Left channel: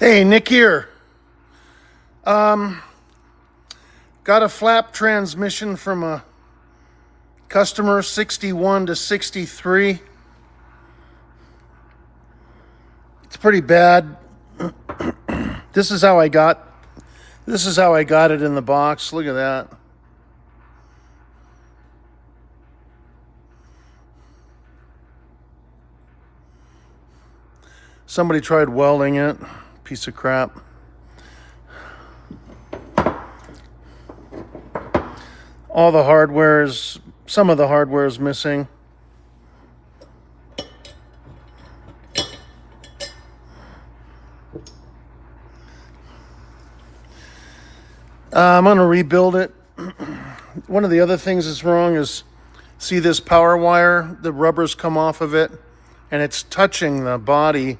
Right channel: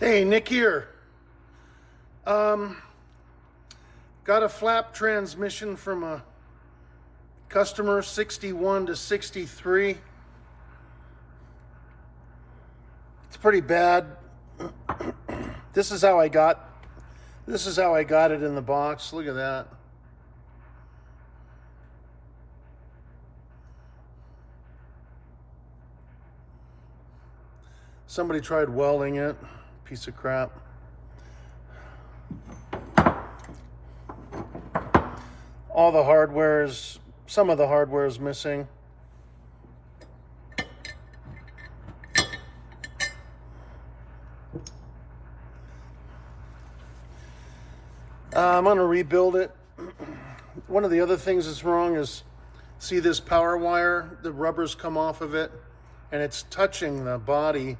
Hey, Nick here. Got a flap transmission from a customer, 61 to 63. It's pretty bad. This is how I got it in the box. Look at that. Somebody tried welding it. Piece of crap. All the hardware is, some of the hardware is missing. I'm gonna rebuild it. One of the other things that's wrong is, see this power wire, the rubbers come off of it and it's touching the body.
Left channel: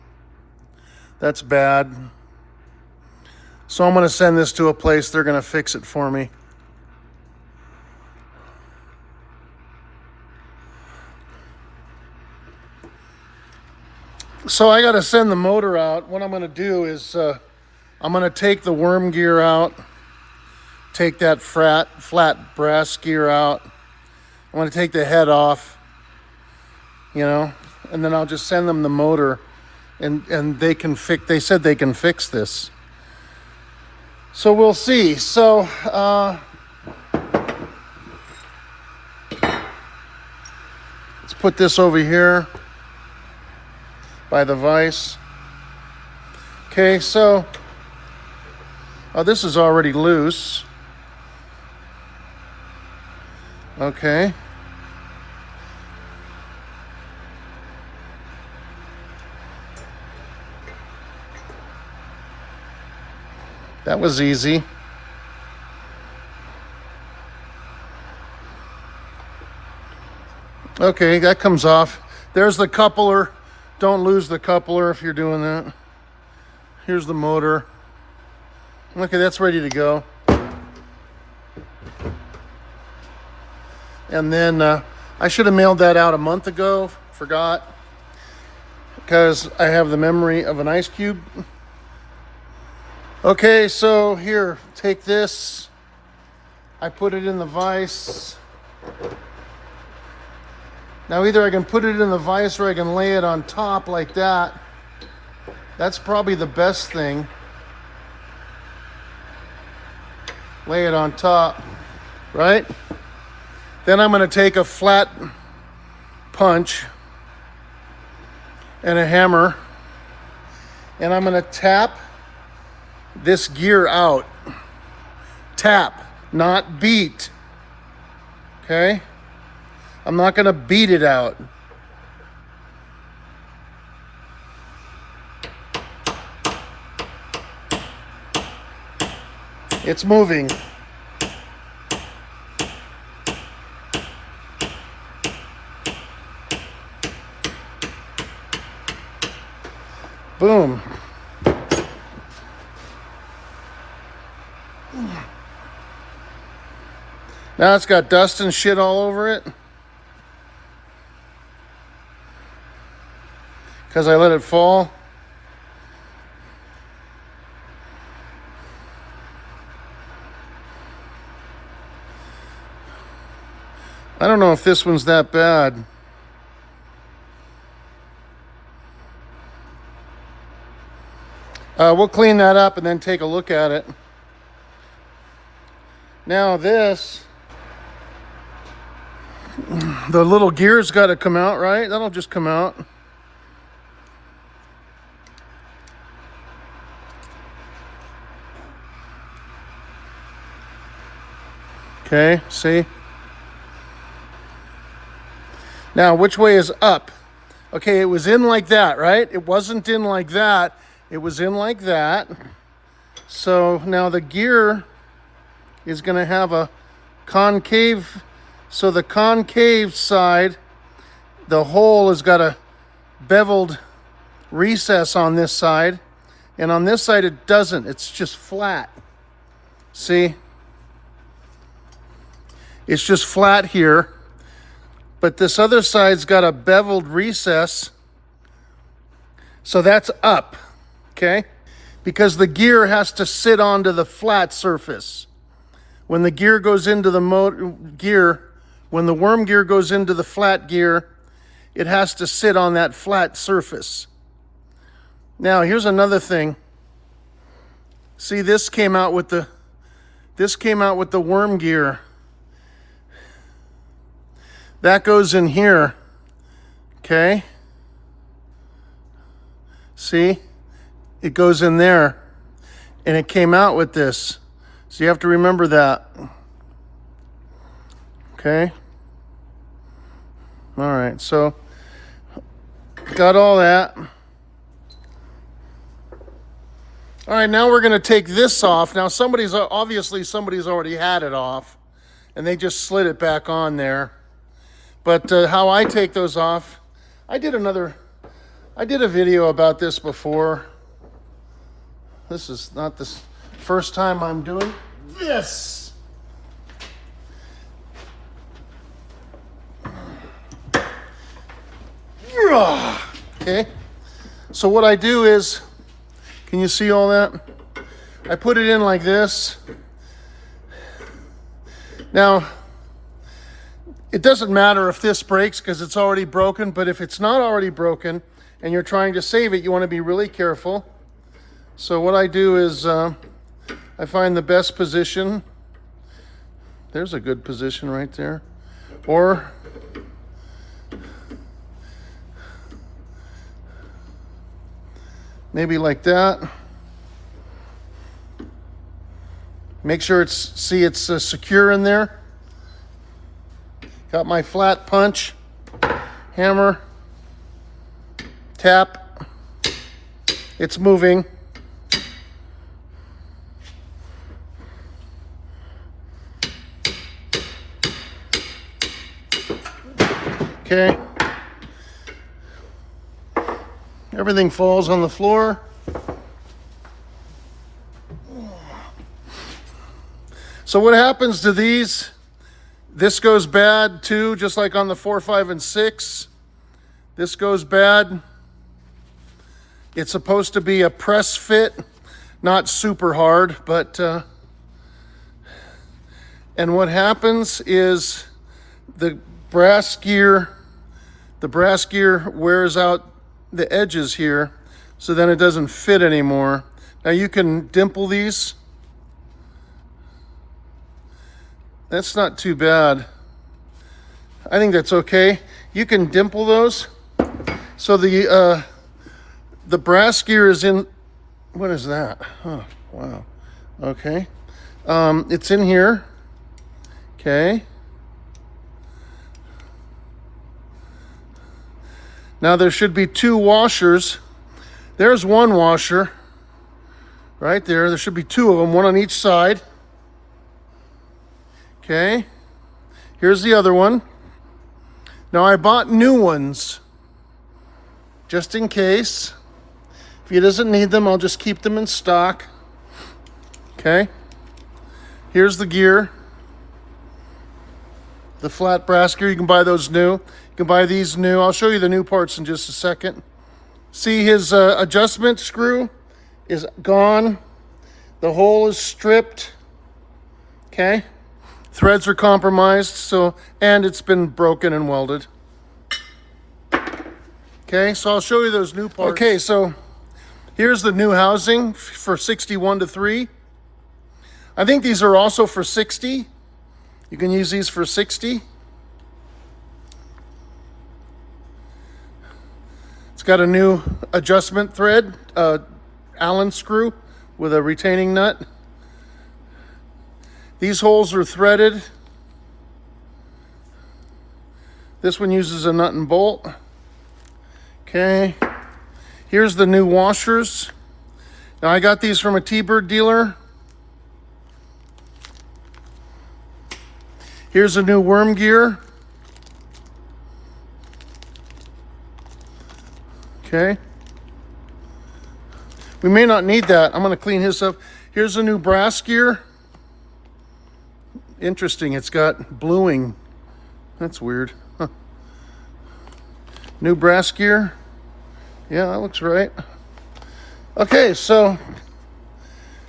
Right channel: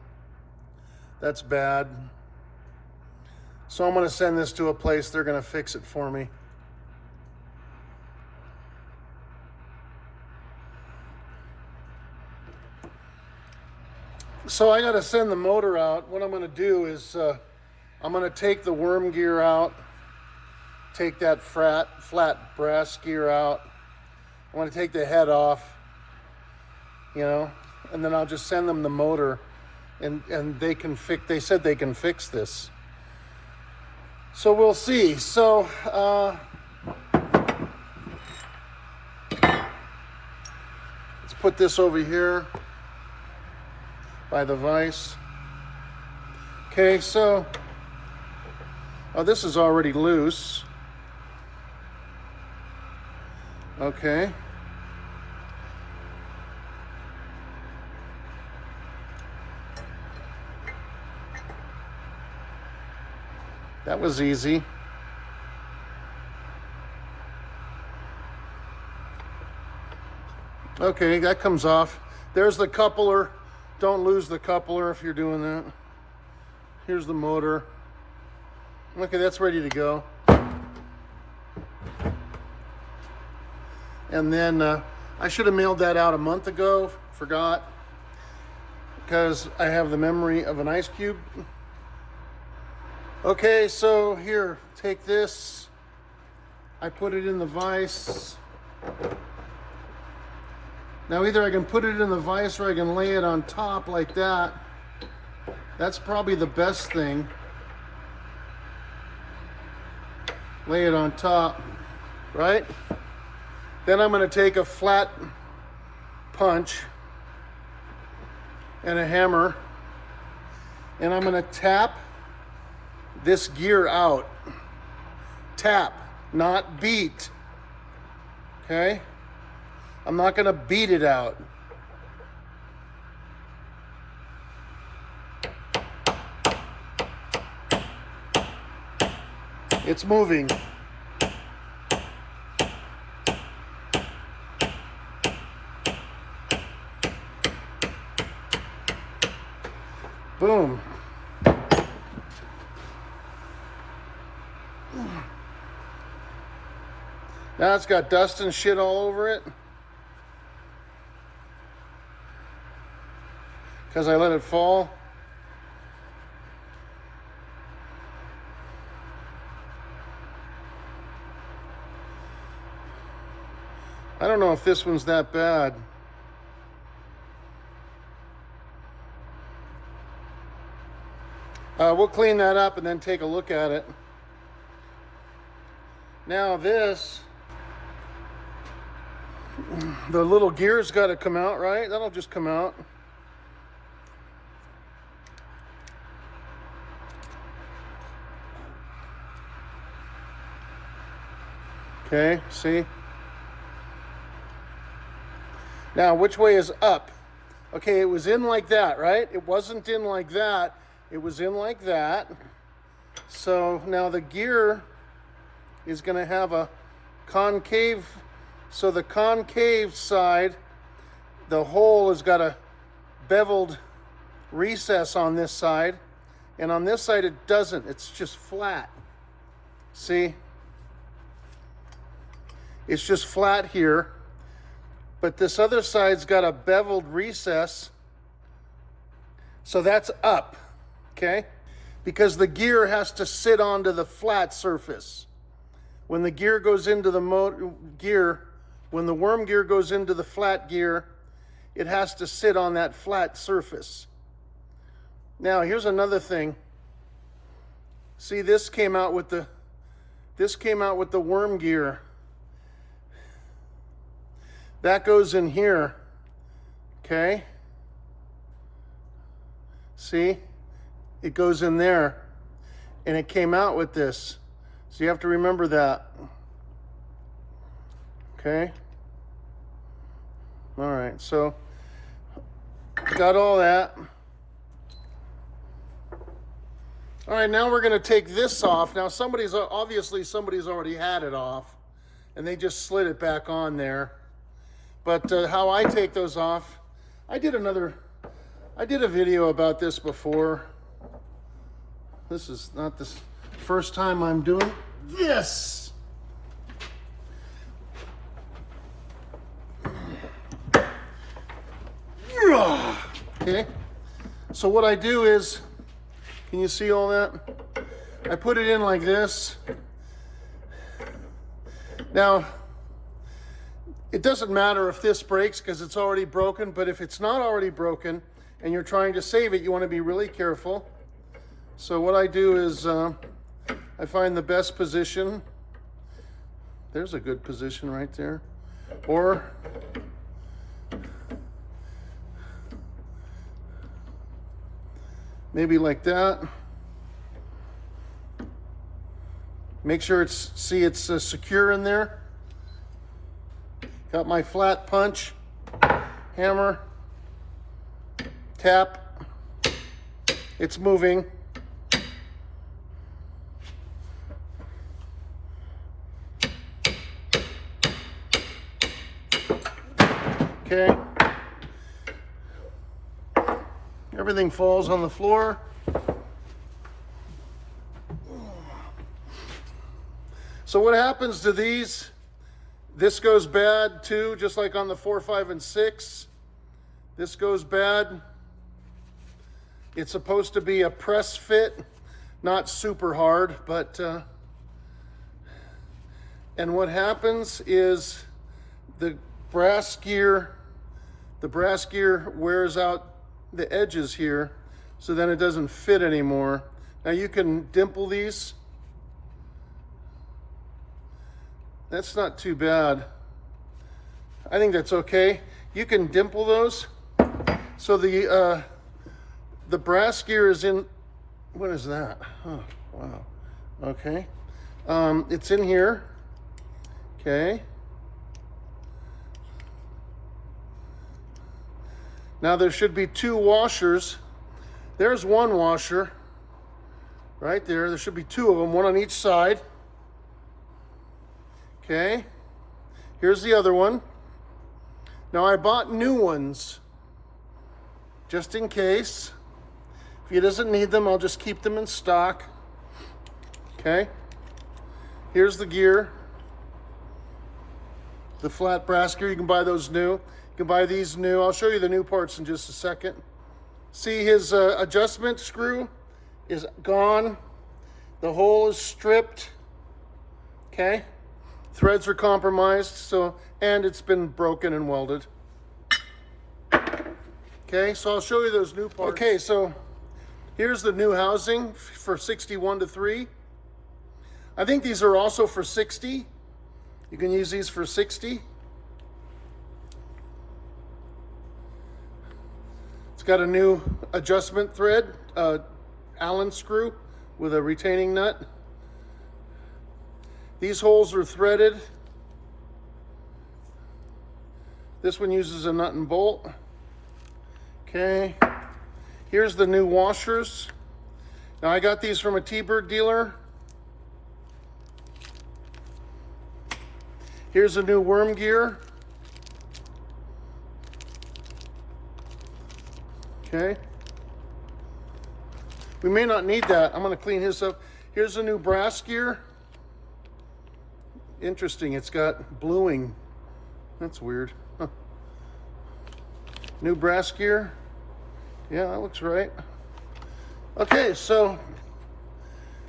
That's bad. So I'm gonna send this to a place, they're gonna fix it for me. So I gotta send the motor out. What I'm gonna do is I'm gonna take the worm gear out, take that flat brass gear out. I'm gonna take the head off, and then I'll just send them the motor, and they said they can fix this. So we'll see. So let's put this over here by the vise. Okay, so this is already loose. Okay. That was easy. Okay, that comes off. There's the coupler. Don't lose the coupler if you're doing that. Here's the motor. Okay, that's ready to go. And then I should have mailed that out a month ago. Forgot. Because I have the memory of an ice cube. Okay, so here, take this. I put it in the vise. Now either I can put it in the vise or I can lay it on top like that. That's probably the best thing. Lay it on top, right? Then I'm gonna take a flat punch and a hammer, and I'm gonna tap this gear out. Tap, not beat. Okay? I'm not gonna beat it out. It's moving. Boom. Now it's got dust and shit all over it because I let it fall. I don't know if this one's that bad. We'll clean that up and then take a look at it. Now this, the little gear's got to come out, right? That'll just come out. Okay, see? Now, which way is up? Okay, it was in like that, right? It wasn't in like that. It was in like that. So now the gear is going to have a concave. So the concave side, the hole has got a beveled recess on this side. And on this side, it doesn't. It's just flat. See? It's just flat here. But this other side's got a beveled recess. So that's up. Okay? because the gear has to sit onto the flat surface. When the gear goes into the when the worm gear goes into the flat gear, it has to sit on that flat surface. Now, here's another thing. See, this came out with the worm gear. That goes in here. Okay? See? It goes in there. And it came out with this. So you have to remember that. Okay? All right, so got all that. All right, now we're gonna take this off. Now obviously somebody's already had it off and they just slid it back on there. But how I take those off, I did a video about this before. This is not the first time I'm doing this. Okay, so what I do is, can you see all that? I put it in like this. Now, it doesn't matter if this breaks because it's already broken, but if it's not already broken and you're trying to save it, you want to be really careful. So what I do is I find the best position. There's a good position right there. Or maybe like that. Make sure it's secure in there. Got my flat punch, hammer, tap. It's moving. Okay. Everything falls on the floor. So what happens to these? This goes bad too, just like on the 4, 5, and 6. This goes bad. It's supposed to be a press fit, not super hard, but and what happens is the brass gear wears out the edges here, so then it doesn't fit anymore. Now you can dimple these. That's not too bad. I think that's okay. You can dimple those. So the brass gear is in, what is that? Oh, wow. Okay. It's in here. Okay. Now there should be 2 washers. There's one washer right there. There should be 2 of them, one on each side. Okay, here's the other one. Now I bought new ones just in case. If he doesn't need them, I'll just keep them in stock. Okay, here's the gear. The flat brass gear, you can buy those new. You can buy these new. I'll show you the new parts in just a second. See, his adjustment screw is gone. The hole is stripped. Okay. Threads are compromised, and it's been broken and welded. Okay, so I'll show you those new parts. Okay, so here's the new housing for 61 to 3. I think these are also for 60. You can use these for 60. It's got a new adjustment thread, Allen screw with a retaining nut. These holes are threaded. This one uses a nut and bolt. Okay. Here's the new washers. Now I got these from a T-Bird dealer. Here's a new worm gear. Okay. We may not need that. I'm going to clean his up. Here's a new brass gear. Interesting, it's got bluing. That's weird. Huh. New brass gear. Yeah, that looks right. Okay, so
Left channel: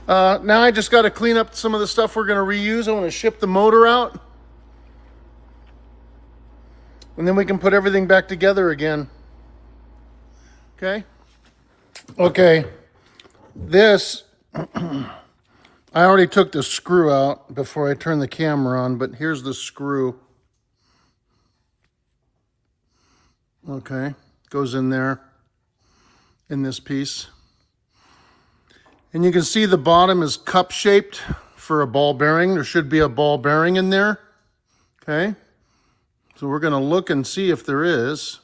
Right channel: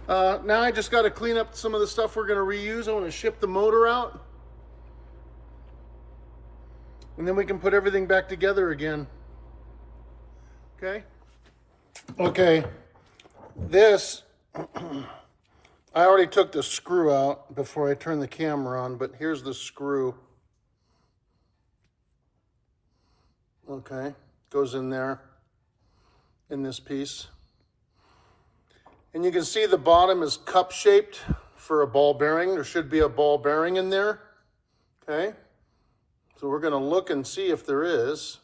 Now I just got to clean up some of the stuff we're going to reuse. I want to ship the motor out. And then we can put everything back together again. Okay? Okay. This, I already took the screw out before I turned the camera on, but here's the screw. Okay, goes in there, in this piece. And you can see the bottom is cup-shaped for a ball bearing. There should be a ball bearing in there, okay? So we're gonna look and see if there is.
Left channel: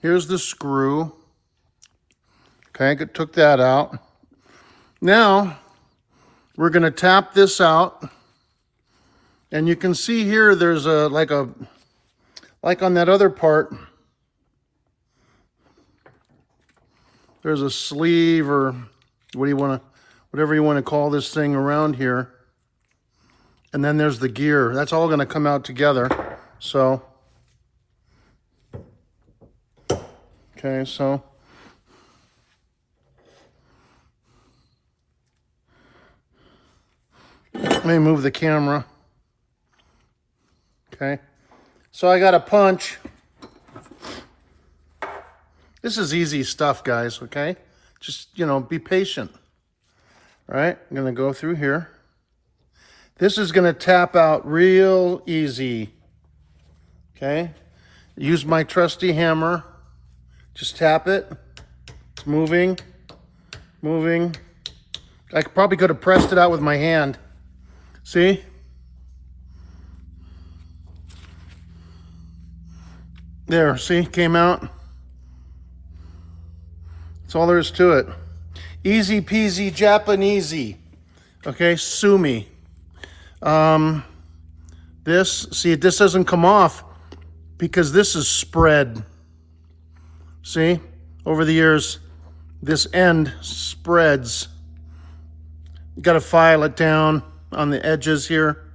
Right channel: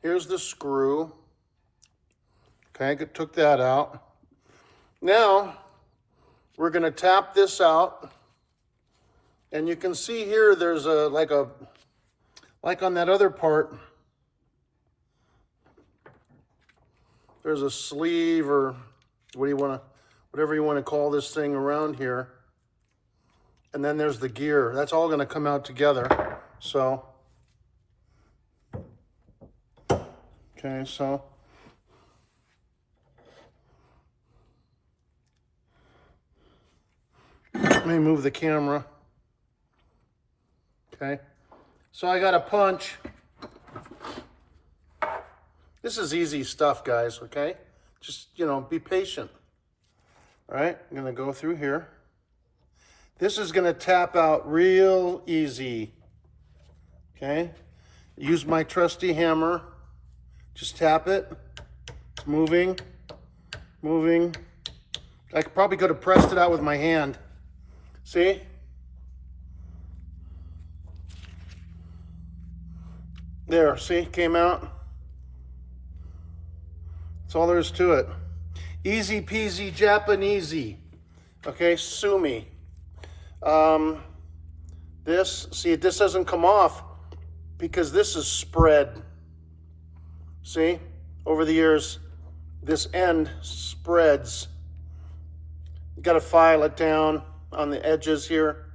Here's the screw. Okay, took that out. Now, we're gonna tap this out. And you can see here, there's like on that other part, there's a sleeve or whatever you want to call this thing around here. And then there's the gear. That's all going to come out together. So, okay, so let me move the camera. Okay, so I got a punch. This is easy stuff, guys, okay? Just, be patient. All right, I'm gonna go through here. This is gonna tap out real easy, okay? Use my trusty hammer. Just tap it. It's moving, moving. I probably could have pressed it out with my hand. See? There, see, came out. That's all there is to it. Easy peasy Japanesey. Okay, sue me. This doesn't come off because this is spread. See, over the years, this end spreads. You gotta file it down on the edges here.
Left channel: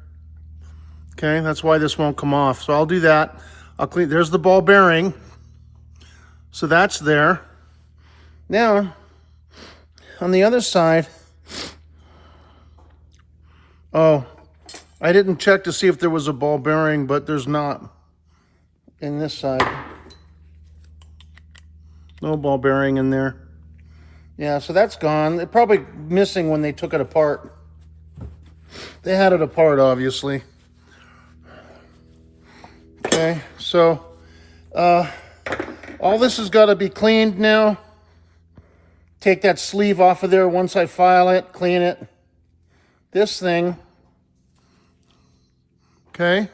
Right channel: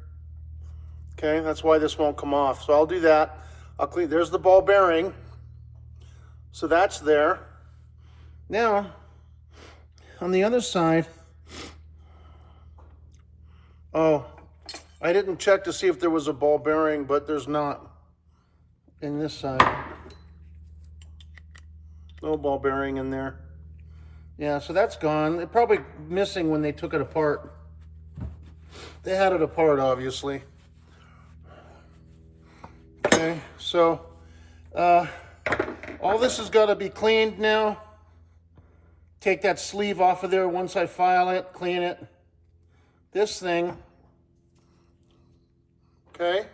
Okay, that's why this won't come off. So I'll do that. I'll clean, there's the ball bearing. So that's there. Now, on the other side, oh, I didn't check to see if there was a ball bearing, but there's not in this side. No ball bearing in there. Yeah, so that's gone. They're probably missing when they took it apart. They had it apart, obviously. Okay, so all this has got to be cleaned now. Take that sleeve off of there once I file it, clean it. This thing, okay.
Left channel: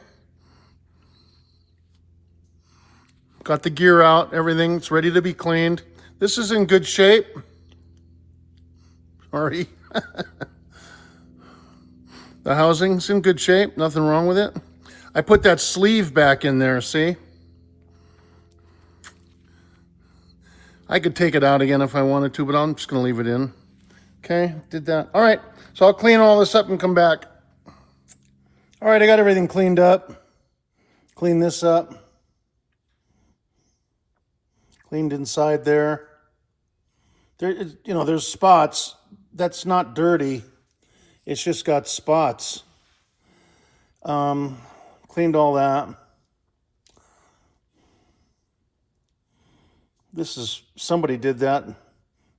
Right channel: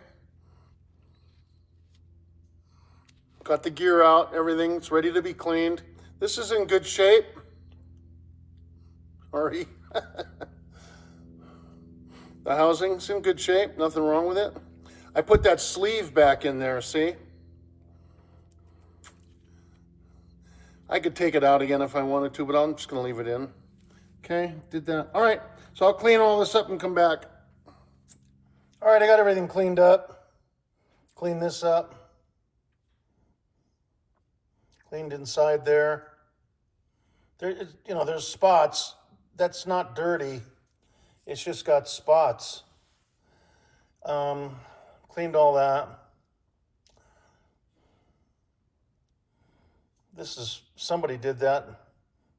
Got the gear out, everything's ready to be cleaned. This is in good shape. Sorry. The housing's in good shape, nothing wrong with it. I put that sleeve back in there, see? I could take it out again if I wanted to, but I'm just gonna leave it in. Okay, did that. All right, so I'll clean all this up and come back. All right, I got everything cleaned up. Clean this up. Cleaned inside there. There's spots. That's not dirty. It's just got spots. Cleaned all that. Somebody did that.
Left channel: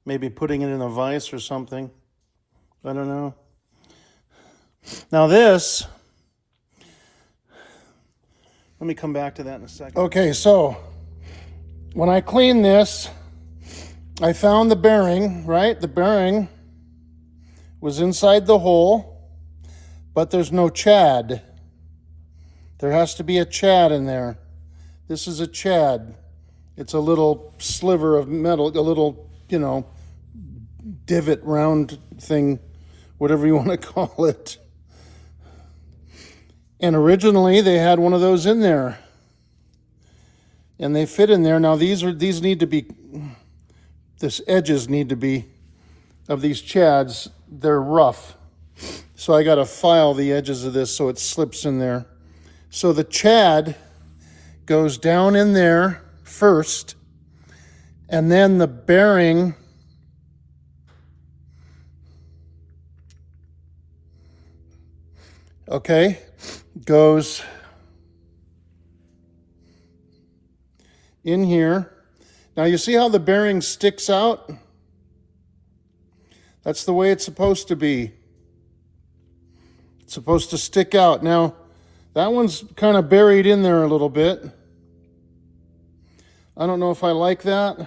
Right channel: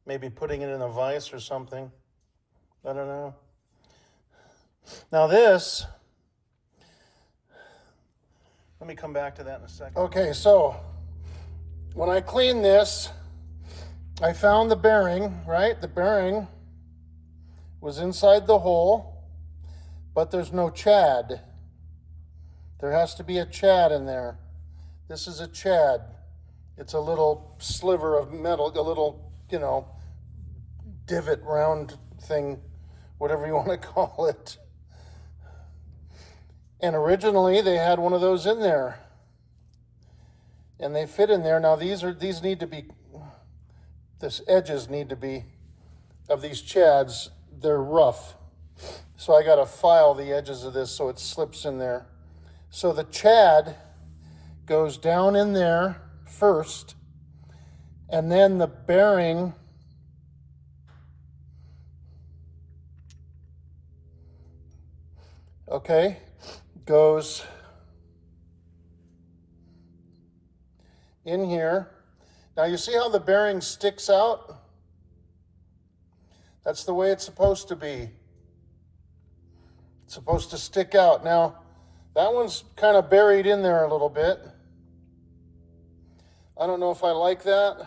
Maybe putting it in a vise or something. I don't know. Now this, let me come back to that in a second. Okay, so when I cleaned this, I found the bearing, right? The bearing was inside the hole, but there's no chad. There has to be a chad in there. This is a chad. It's a little sliver of metal, a little, divot round thing, whatever you want to call it. And originally they had one of those in there. And they fit in there. Now these need to be, this edges need to be, of these chads, they're rough. So I gotta file the edges of this so it slips in there. So the chad goes down in there first, and then the bearing okay, goes in here. Now you see how the bearing sticks out? That's the way it's supposed to be. It's supposed to stick out. Now, that one's kind of buried in there a little bit. I don't know if I like that.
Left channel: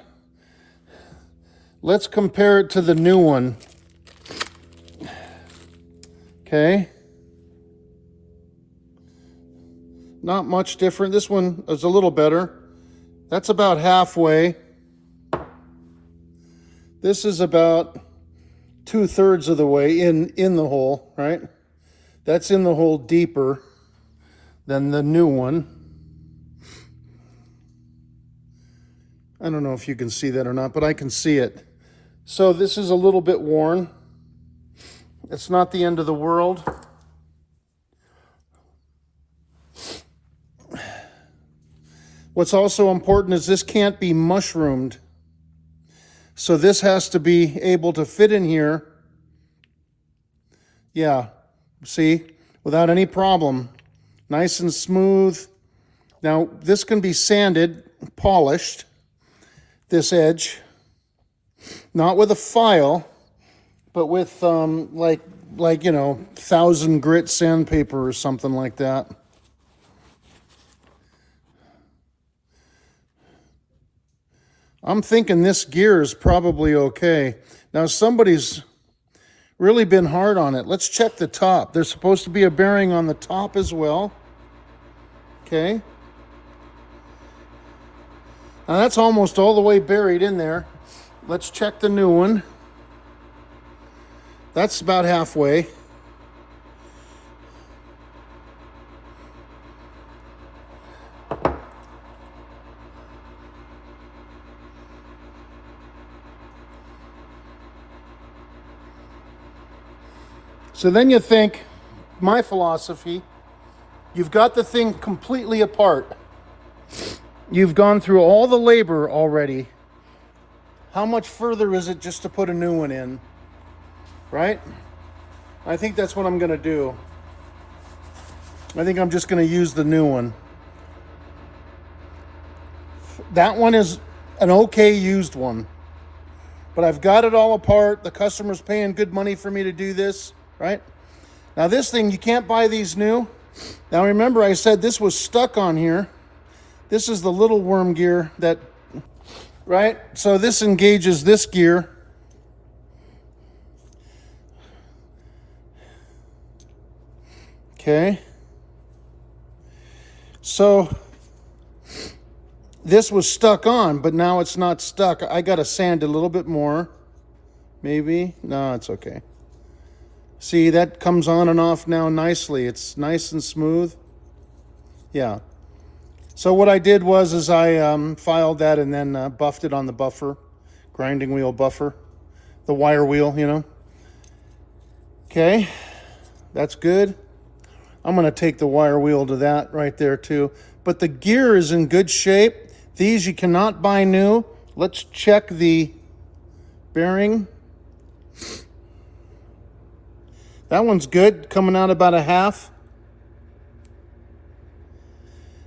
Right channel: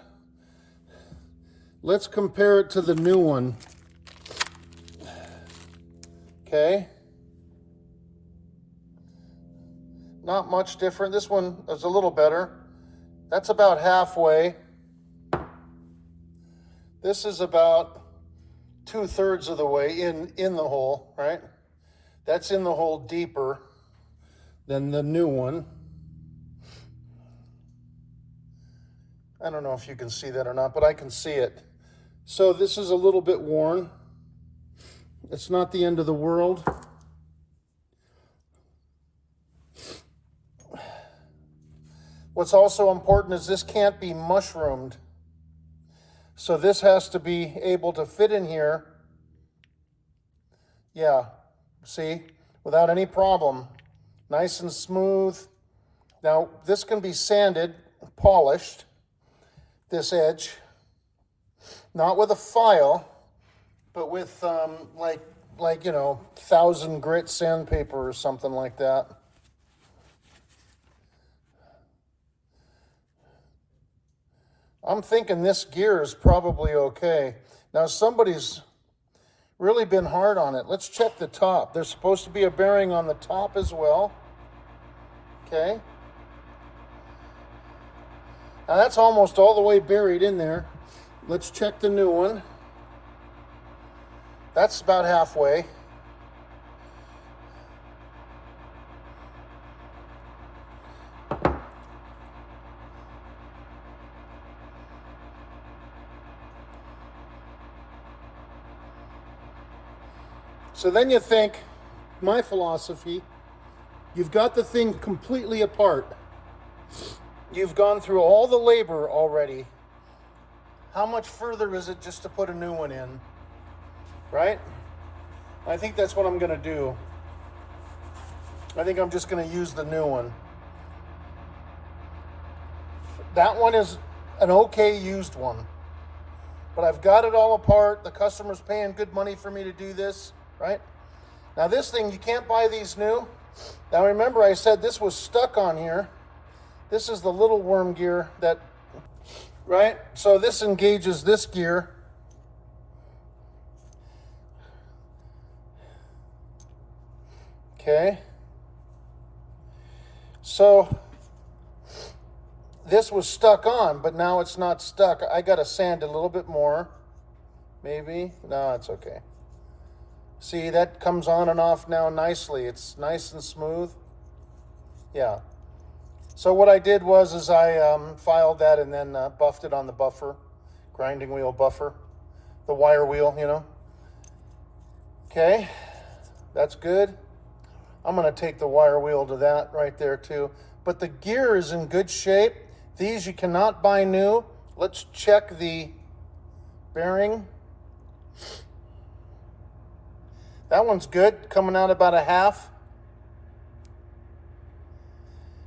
Let's compare it to the new one. Okay. Not much different. This one is a little better. That's about halfway. This is about 2/3 of the way in the hole, right? That's in the hole deeper than the new one. I don't know if you can see that or not, but I can see it. So this is a little bit worn. It's not the end of the world. What's also important is this can't be mushroomed. So this has to be able to fit in here. Yeah, see, without any problem. Nice and smooth. Now, this can be sanded, polished, this edge. Not with a file, but with like 1,000 grit sandpaper or something like that. I'm thinking this gear is probably okay. Now somebody's really been hard on it. Let's check the top. There's supposed to be a bearing on the top as well. Okay. Now that's almost all the way buried in there. Let's check the new one. That's about halfway. So then you think, my philosophy, you've got the thing completely apart. You've gone through all the labor already. How much further is it just to put a new one in? Right? I think that's what I'm going to do. I think I'm just going to use the new one. That one is an okay used one. But I've got it all apart. The customer's paying good money for me to do this. Right? Now this thing, you can't buy these new. Now remember I said this was stuck on here. This is the little worm gear that, right? So this engages this gear. Okay. So this was stuck on, but now it's not stuck. I got to sand a little bit more. Maybe. No, it's okay. See, that comes on and off now nicely. It's nice and smooth. Yeah. So what I did was I filed that and then buffed it on the buffer, grinding wheel buffer, the wire wheel, you know. Okay, that's good. I'm going to take the wire wheel to that right there too. But the gear is in good shape. These you cannot buy new. Let's check the bearing. That one's good, coming out about a half.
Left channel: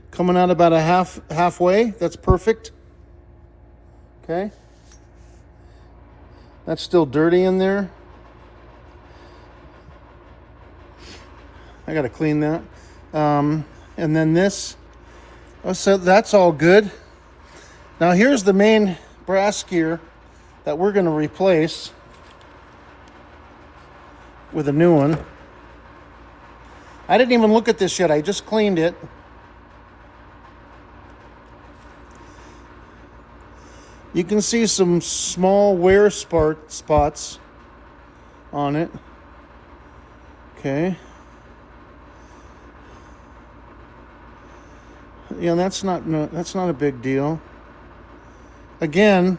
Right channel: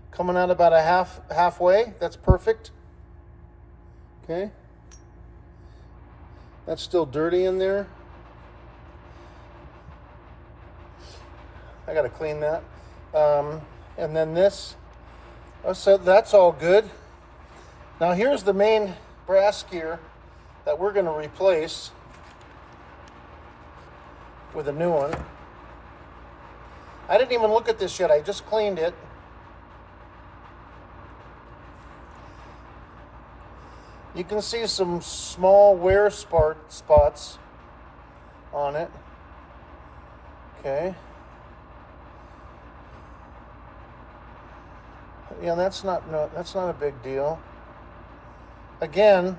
Coming out about a halfway. That's perfect. Okay. That's still dirty in there. I gotta clean that. And then this. Oh, so that's all good. Now here's the main brass gear that we're gonna replace with a new one. I didn't even look at this yet. I just cleaned it. You can see some small wear spots on it. Okay. Yeah, that's not a big deal. Again,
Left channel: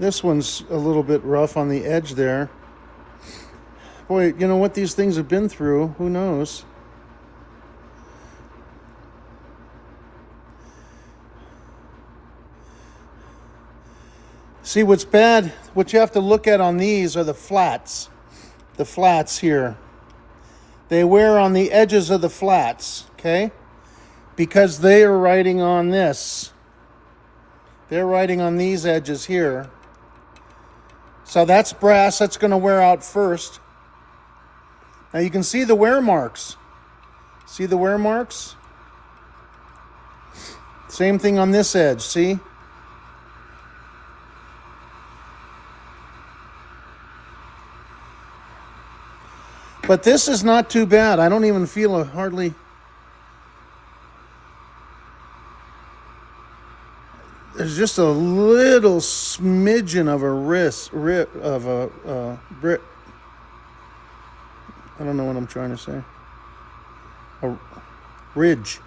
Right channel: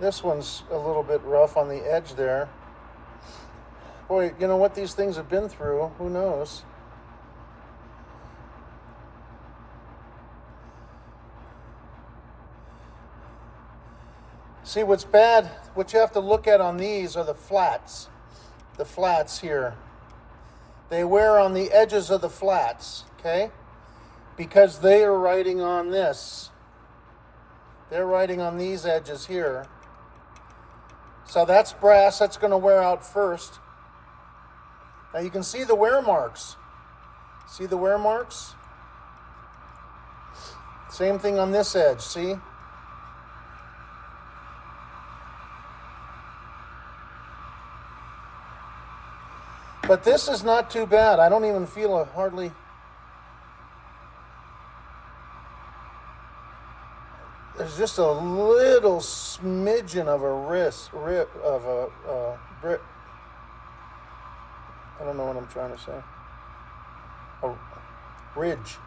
this one's a little bit rough on the edge there. Boy, you know what these things have been through, who knows? See, what's bad, what you have to look at on these are the flats. The flats here. They wear on the edges of the flats, okay? Because they are riding on this. They're riding on these edges here. So that's brass, that's going to wear out first. Now you can see the wear marks. See the wear marks? Same thing on this edge, see? But this is not too bad. I don't even feel a hardly... There's just a little smidgen of a rip of a grip. I don't know what I'm trying to say. A ridge.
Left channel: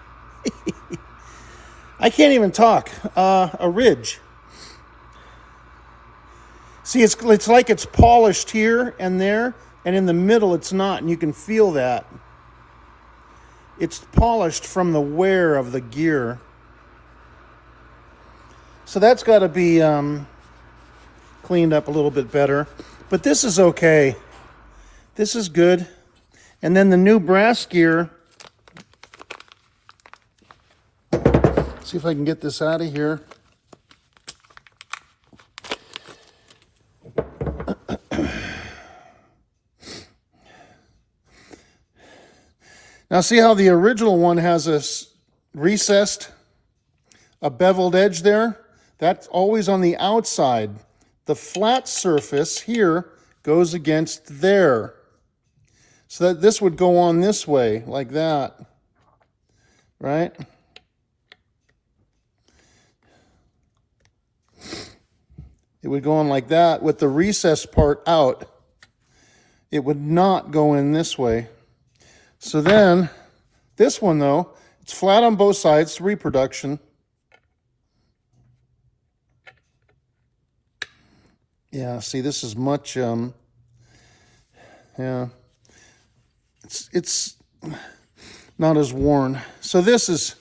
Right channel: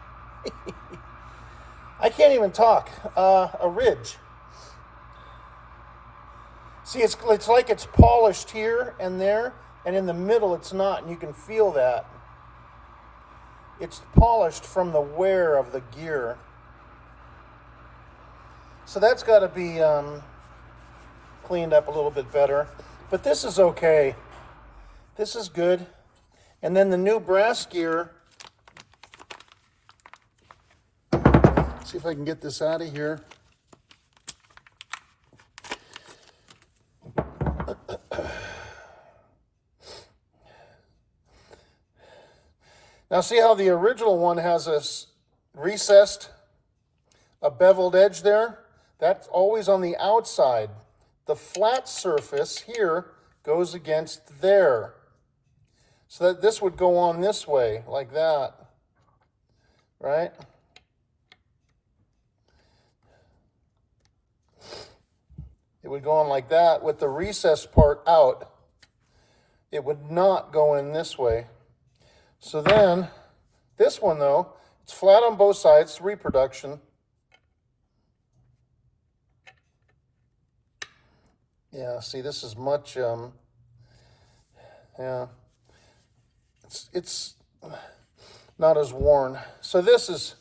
I can't even talk. A ridge. See, it's like it's polished here and there, and in the middle it's not, and you can feel that. It's polished from the wear of the gear. So that's got to be cleaned up a little bit better. But this is okay. This is good. And then the new brass gear. See if I can get this out of here. Now see how the original one has a recessed, a beveled edge there? That's always on the outside. The flat surface here goes against there. So that this would go on this way, like that, right? It would go on like that with the recessed part out. It would not go in this way. So then, this one though, it's flat on both sides, reproduction. Yeah, see, this is much, yeah, it's not as worn. So this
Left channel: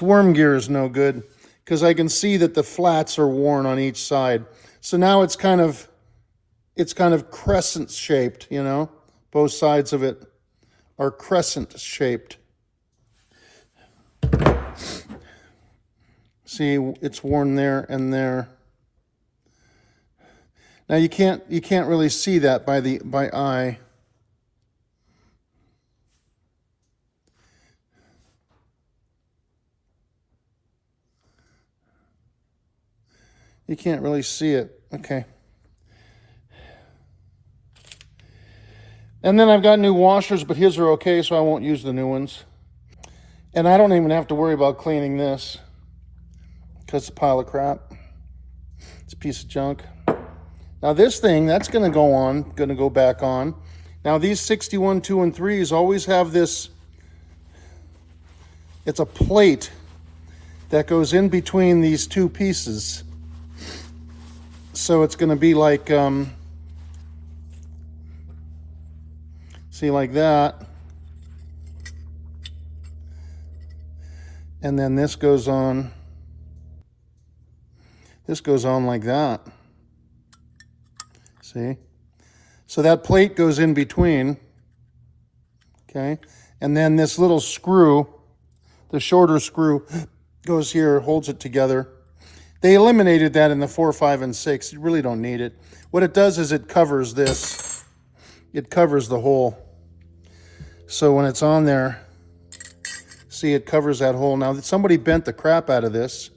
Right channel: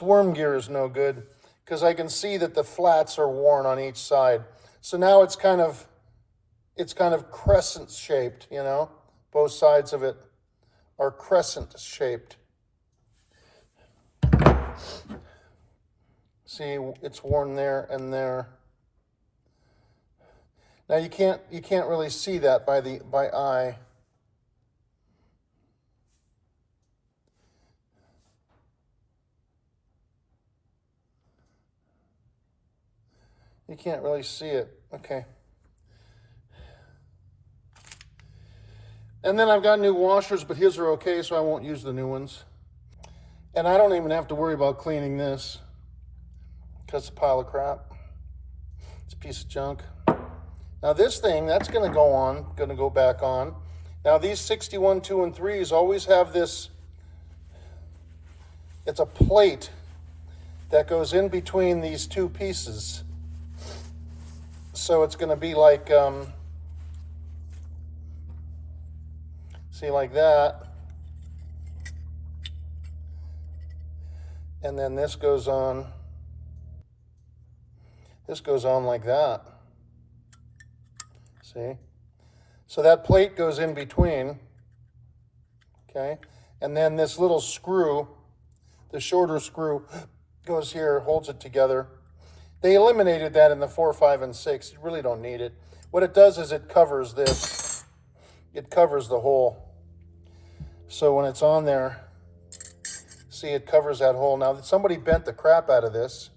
worm gear is no good because I can see that the flats are worn on each side. So now it's kind of crescent shaped, you know, both sides of it are crescent shaped. See, it's worn there and there. Now you can't really see that by eye. You can't really see it. Okay. And then I've got new washers, but his are okay, so I won't use the new ones. And I don't even have to worry about cleaning this. It's a pile of crap. It's a piece of junk. Now this thing, that's going to go back on. Now these 61, 2, and 3s always have this, it's a plate that goes in between these two pieces. So it's going to be like, see, like that. And then this goes on. This goes on like that. See? So that plate goes in between. Okay? And then this little screw, the shorter screw, goes here, holds it together. They eliminated that in the 4, 5, and 6. You really don't need it. What it does is it covers this. It covers the hole. So when it's on there, see, it covers that hole. Now, somebody bent the crap out of this.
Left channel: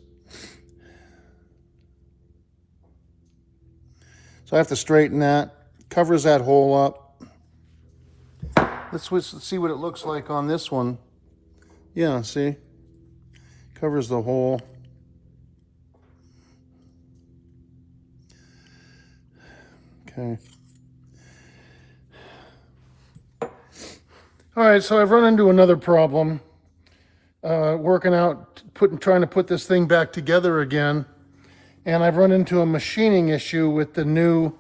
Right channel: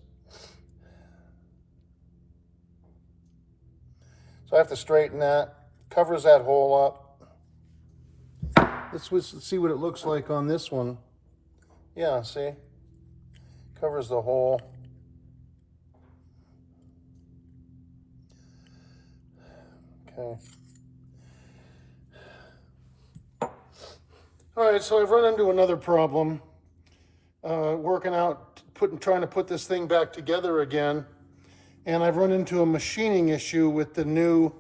So I have to straighten that. Covers that hole up. Let's see what it looks like on this one. Yeah, see? Covers the hole. Okay. All right, so I've run into another problem. Working out, trying to put this thing back together again. And I've run into a machining issue with the new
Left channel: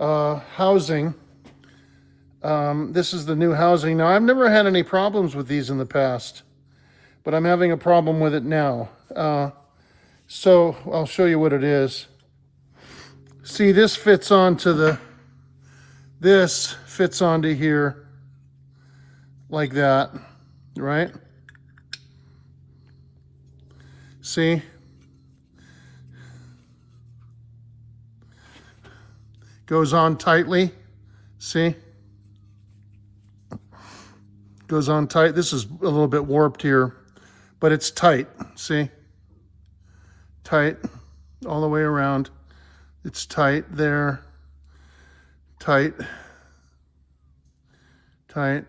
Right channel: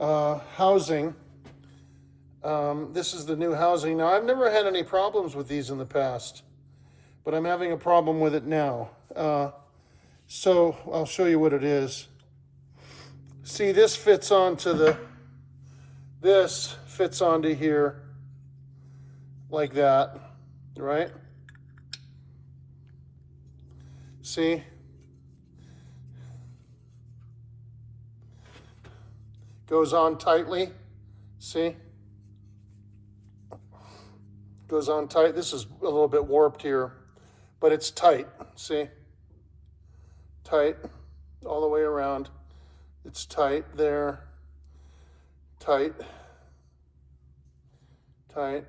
housing. This is the new housing. Now, I've never had any problems with these in the past, but I'm having a problem with it now. So I'll show you what it is. See, this fits onto this fits onto here like that, right? See? Goes on tightly, see? Goes on tight. This is a little bit warped here, but it's tight, see? Tight all the way around. It's tight there, tight, tight,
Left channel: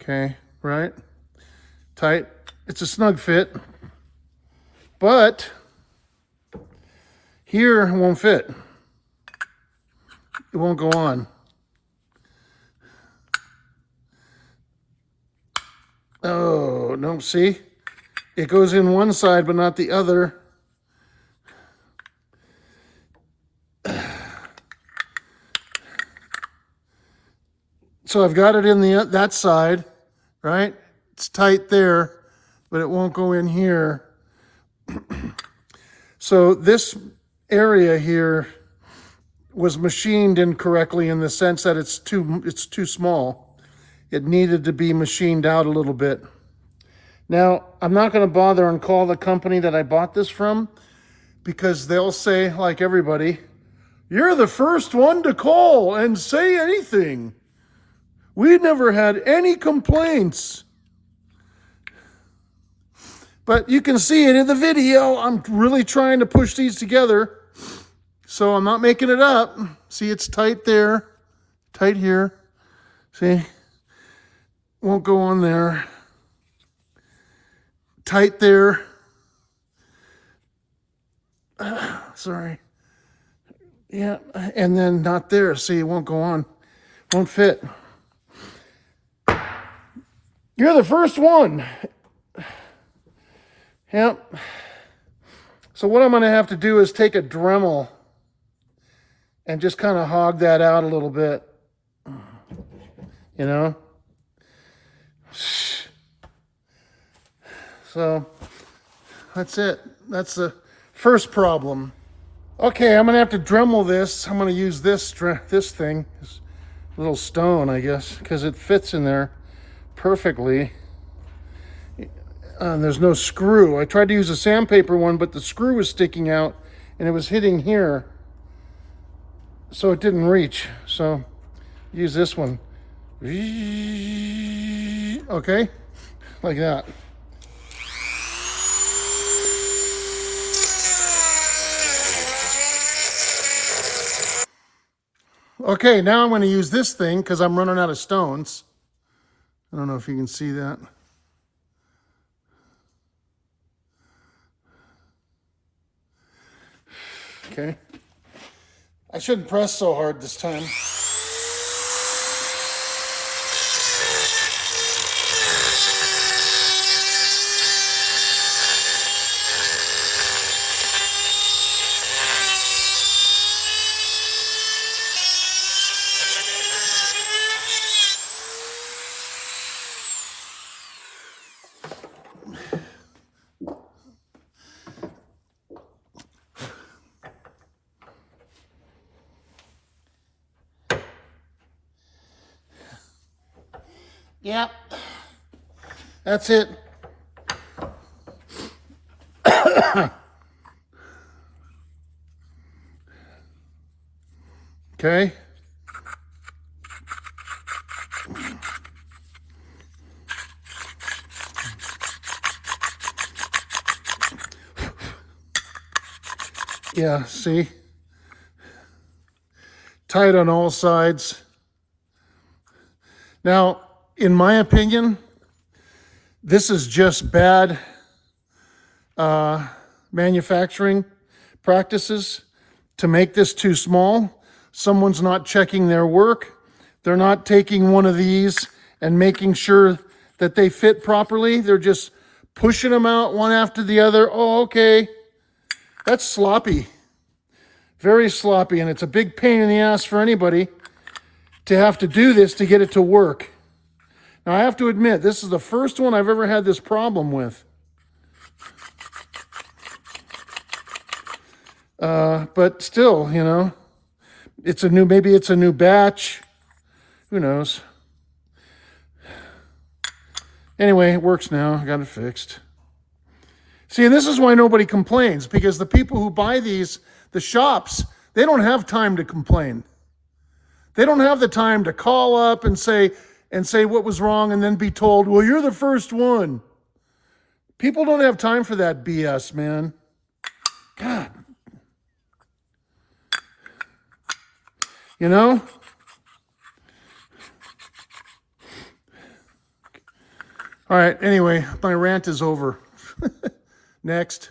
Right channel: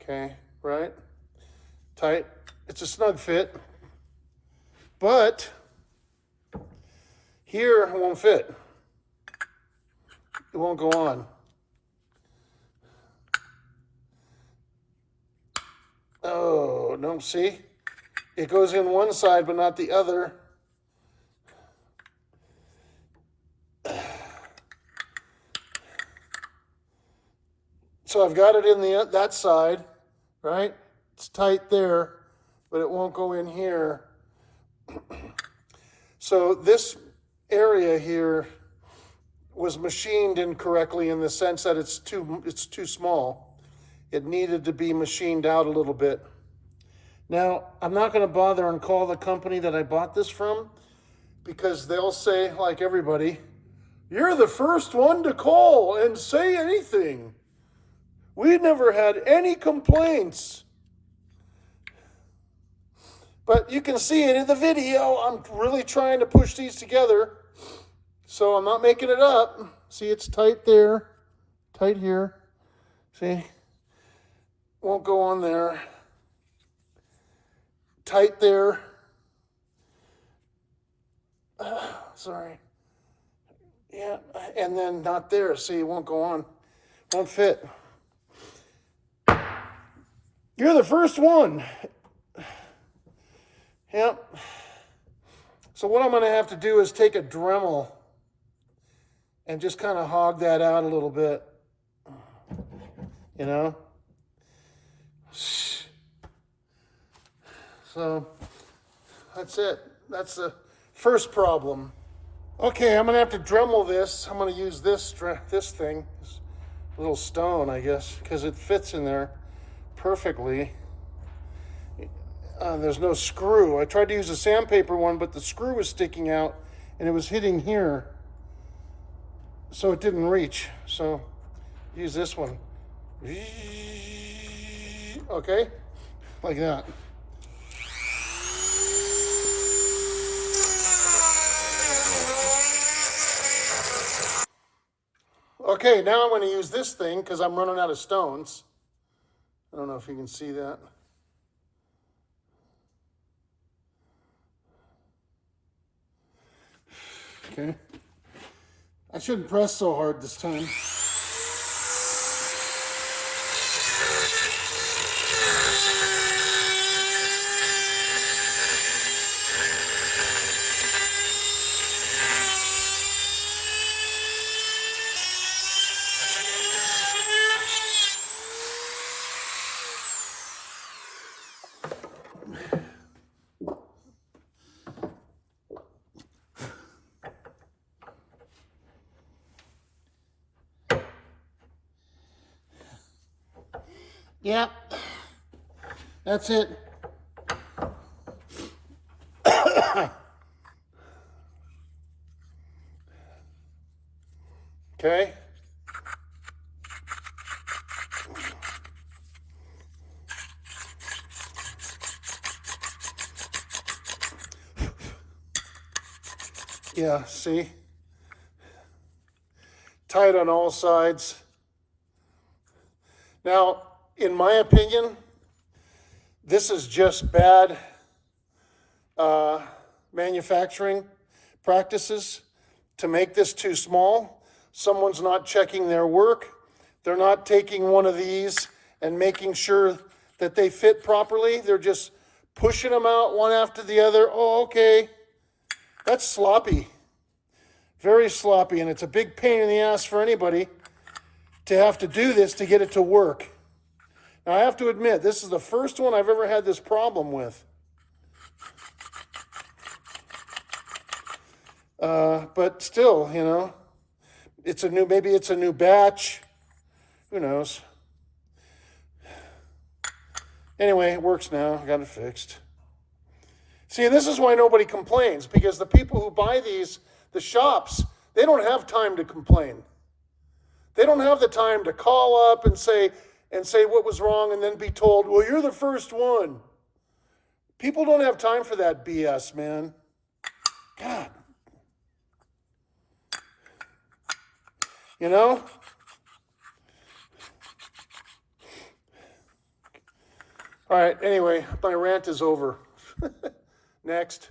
okay, right? Tight. It's a snug fit, but here it won't fit. It won't go on. Oh, no, see? It goes in one side, but not the other. So I've got it in that side, right? It's tight there, but it won't go in here. So this area here was machined incorrectly in the sense that it's too small. It needed to be machined out a little bit. Now, I'm not going to bother and call the company that I bought this from, because they'll say, like everybody, you're the first one to call and say anything. We never had any complaints. But you can see it in the video. I'm really trying to push these together. So I'm not making it up. See, it's tight there, tight here. See, won't go on there. Tight there. Sorry. Yeah, and then not there. See, it won't go on. Won't fit. You're the first one. Yep. So what I'm going to have to do is take a Dremel and just kind of hog that out a little bit. You know? So that's it. That's the first problem. Okay, I'm going to have to Dremel this. I'm going to use this thing, this little stone, I guess, because it fits in there perfectly. And there's no screw. I tried to use a sandpaper one, but the screw was sticking out and it was hitting here, so it didn't reach. So use this one. Okay, like that. Okay, now I'm going to use this thing because I'm running out of stones. I don't know if you can see that. Okay. I shouldn't press so hard this time. Yep, that's it. Okay. Yeah, see? Tight on all sides. Now, in my opinion, this is just bad manufacturing practices to make this too small. Someone's not checking their work. They're not taking one of these and making sure that they fit properly. They're just pushing them out one after the other. Oh, okay. That's sloppy. Very sloppy, and it's a big pain in the ass for anybody to have to do this to get it to work. Now, I have to admit, this is the first one I've ever had this problem with. But still, you know, maybe it's a new batch. Who knows? Anyway, it works now. I got it fixed. See, this is why nobody complains, because the people who buy these, the shops, they don't have time to complain. They don't have the time to call up and say what was wrong and then be told, well, you're the first one. People don't have time for that BS, man. God. You know? All right, anyway, my rant is over. Next.